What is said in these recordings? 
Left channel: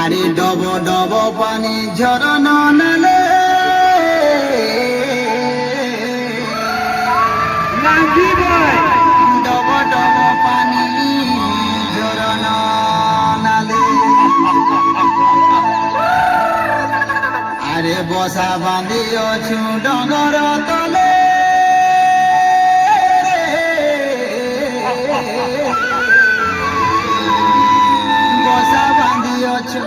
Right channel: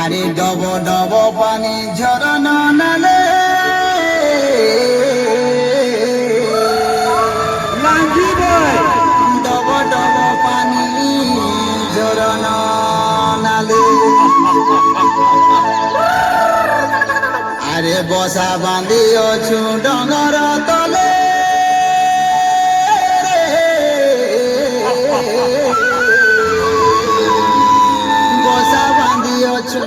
আরে ডব ডব পানি ঝরনা নালে ডব ডব পানি ঝরনা নালে আরে বসা বাঁধি অছু ডগর তলে বসা বাঁধি অছু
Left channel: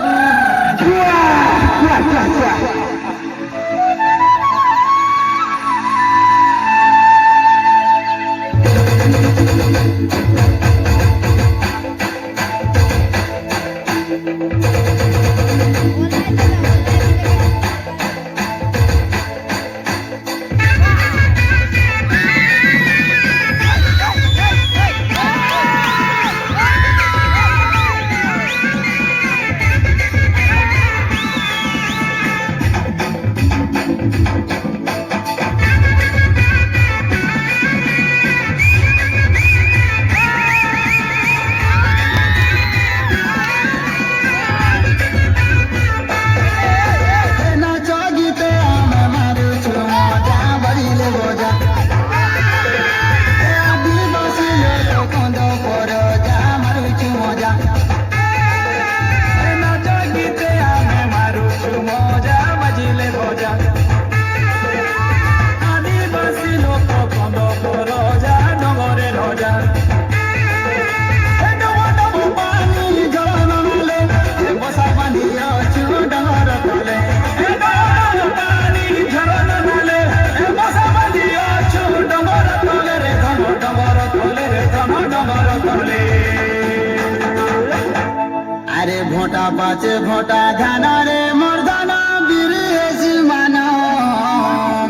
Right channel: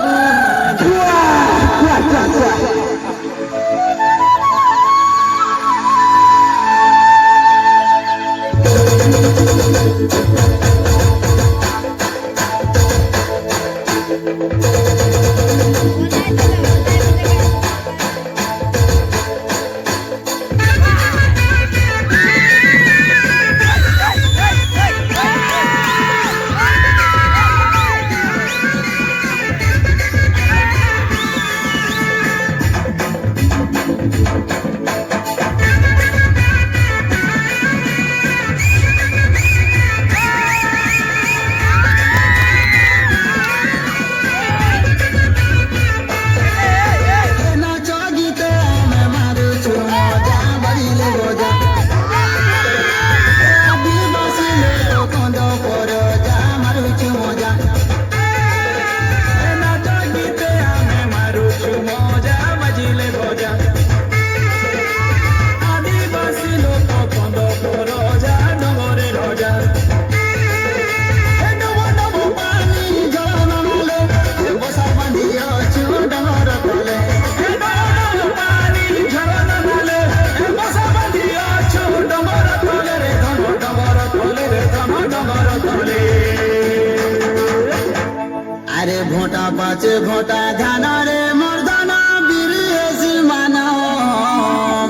আরে ঘোটা পাচে ঘোটা ধানা রে মর্দানা বিরিয়েছি মানা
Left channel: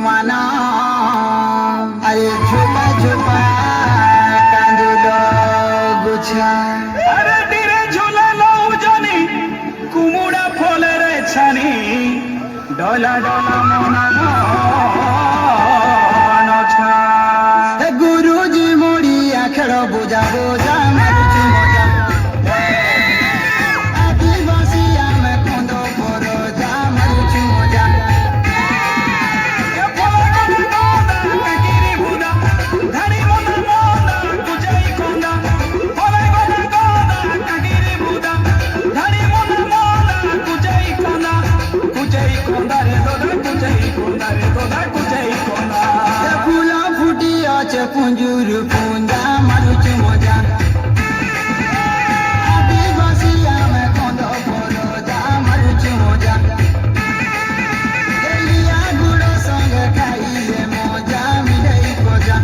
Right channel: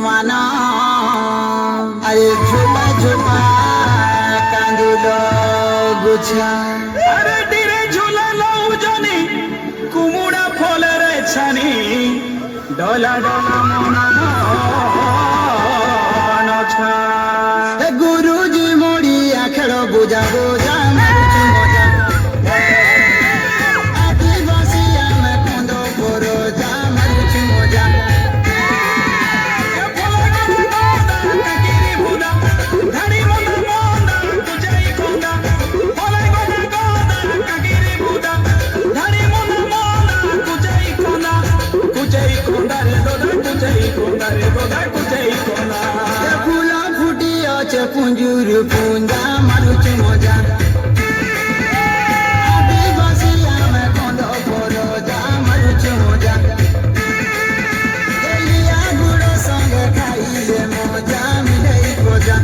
মানা আরে ঝোপা ঝোপা কান্দুল গুছা আরে ডিরে ঝুলালো জানি কুমুড়া ফলের ছানি ডলা ডলা মনা নছা গুরুজি মরিয়া খেল বুঝা বুঝা মারুছি মজা আদিবাসী আমি কন্দ পর যা মারুছি মজা ধানি মনা মনা কুজাই কোন্দা ফলাই গদা গদা কাগিরি বুদা ধানি মনা মনা কুজাই কোন্দা রে দোদা কুজাই কোন্দা রে দোদা কুজাই কোন্দা ফুলা ফুটি আছে পুঞ্জুর পুঞ্জা মারুছি মজা আদিবাসী আমি কন্দ পর যা মারুছি মজা এলিয়া গুড়ে সঙ্গে খাইলে মজা মিলাই মজা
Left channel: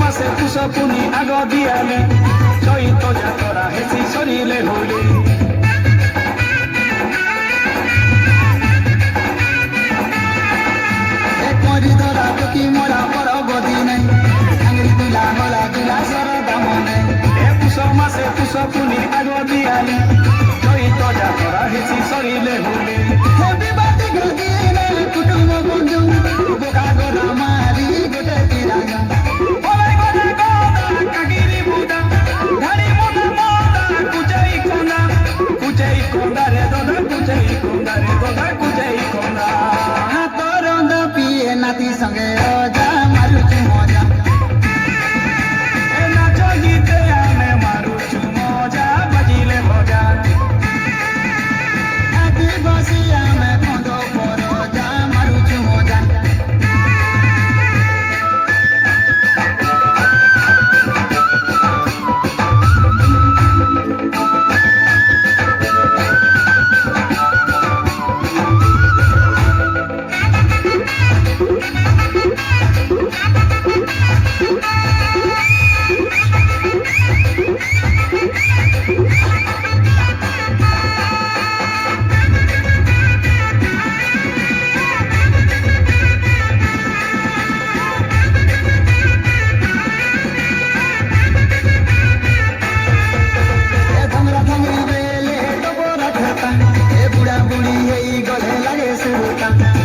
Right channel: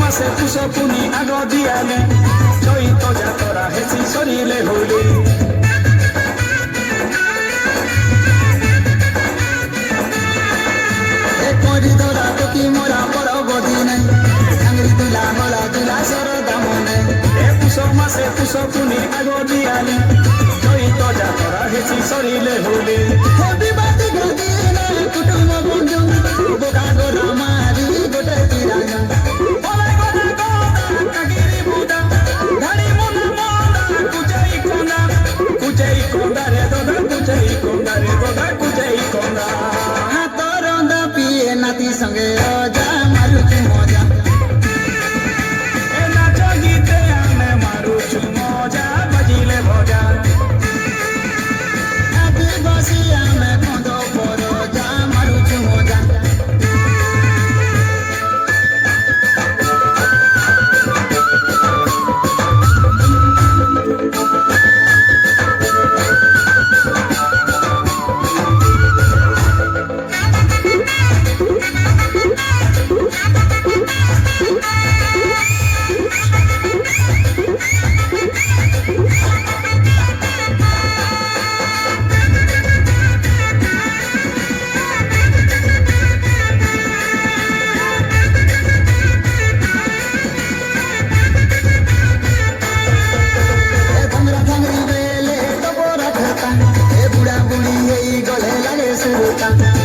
মাসে পুষ পুনি আগ দিয়ালি চৈত যাতরা হেসি সরিলে হইলে ধরা টুকি মরা পর বদি নাই আঙুরি দিলা গলা দিলা সর দামনে পুষ মাসে পুষ পুনি আগ দিয়ালি চৈত যাতরা হেসি সরিলে হইলে হবি বাতি গদি নাই কুটুম বন্ধু গোটা গোরা মারি গোটা তিরাঙ্গা নাতি সঙ্গে যা মারুছি মজা নাচ গীতে আমি মারুছু মজা বাজিলে মজা আদিবাসী আমি কন্দ পর যা মারুছি মজা রাজা